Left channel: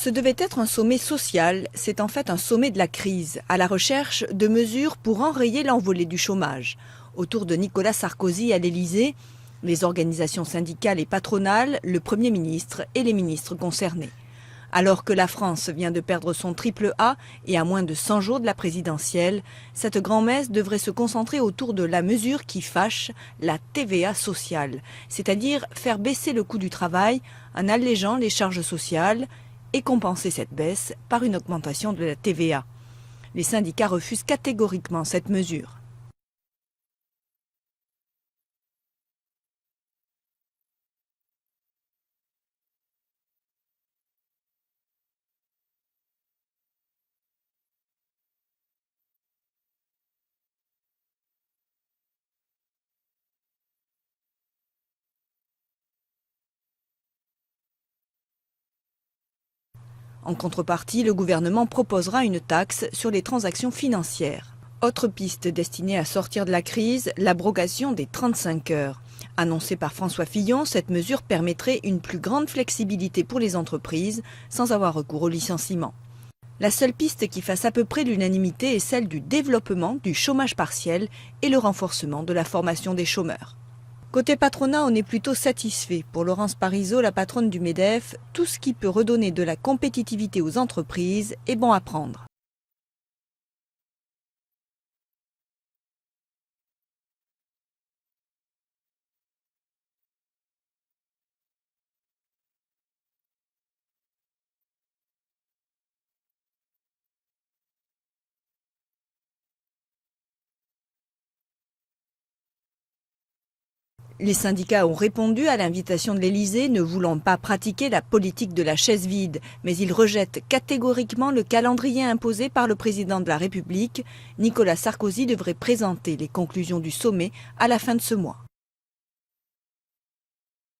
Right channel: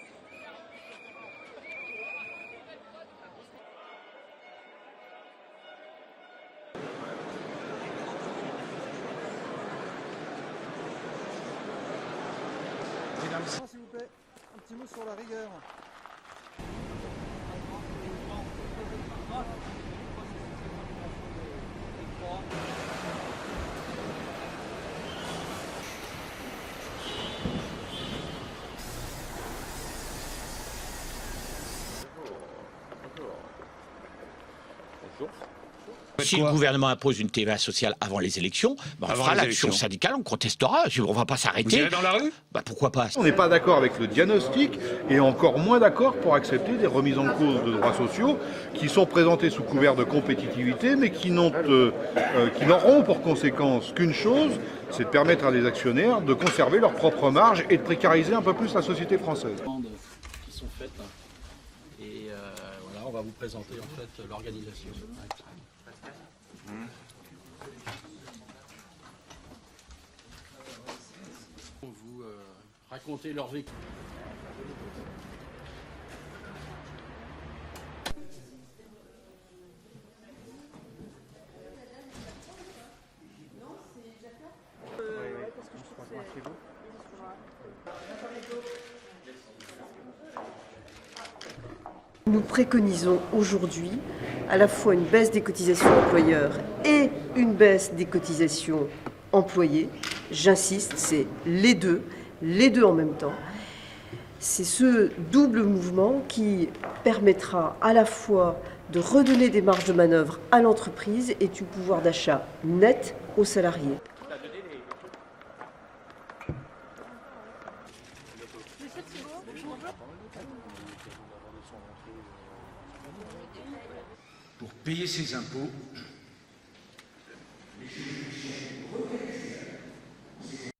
Ce devait être un sommet social, c'est en fait un sommet de la crise, à la recherche de mesures pour enrayer l'envolée du chômage. Autour de Nicolas Sarkozy à l'Élysée, les organisations syndicales et patronales, le Premier ministre et les ministres concernés. Alors que la France vient de perdre son triple A et à moins de 100 jours de la présidentielle, cette grand-messe devrait se concentrer autour de la mesure qui fâche, la TVA sociale, c'est-à-dire faire baisser le coût du travail en allégeant les charges sociales et compenser cette baisse par une augmentation de la TVA. Les syndicats refusent catégoriquement cette mesure. Si le gouvernement impose une TVA sociale avant les élections, on fera l'action syndicale, on contestera, on ne va pas s'arrêter. Vous irez dans la rue ? Pourquoi pas ? On n'est pas d'accord avec le diagnostic et encore moins d'accord pour accepter des remises en cause de droits sociaux qui sont présentés sous couvert de compétitivité mais qui n'auront pour conséquence qu'une chose, c'est de permettre à des actionnaires de conserver leurs propres marges et de précariser un peu plus la société française. En contrepartie, le gouvernement proposera une taxe sur les transactions financières. Autre piste destinée à sortir de la crise, l'abrogation des 35 heures. Annoncée par François Fillon, cette mesure permettrait une plus grande flexibilité pour les entreprises sans avoir recours au licenciement. La seule piste qui fasse à peu près l'unanimité est celle du développement du chômage partiel et le renforcement de la formation des chômeurs. Côté patronat, on est plutôt satisfait. Pour Laurence Parisot, la patronne du MEDEF, tout ce qui peut redonner de la compétitivité aux entreprises est bon à prendre. Nous préconisons aujourd'hui à la fois une baisse des cotisations employeurs et une baisse des cotisations employés. J'insiste, c'est les deux en même temps. C'est ce double mouvement qui permettra à la fois de redonner des marges de manœuvre à l'entreprise et du pouvoir d'achat net aux salariés. Les syndicats ont répondu à l'invitation de l'Élysée, ne voulant pas pratiquer la politique de la chaise vide. Mais ils rejettent catégoriquement le calendrier imposé par le président de la République. Nicolas Sarkozy devrait présenter les conclusions du sommet à la fin de ce mois.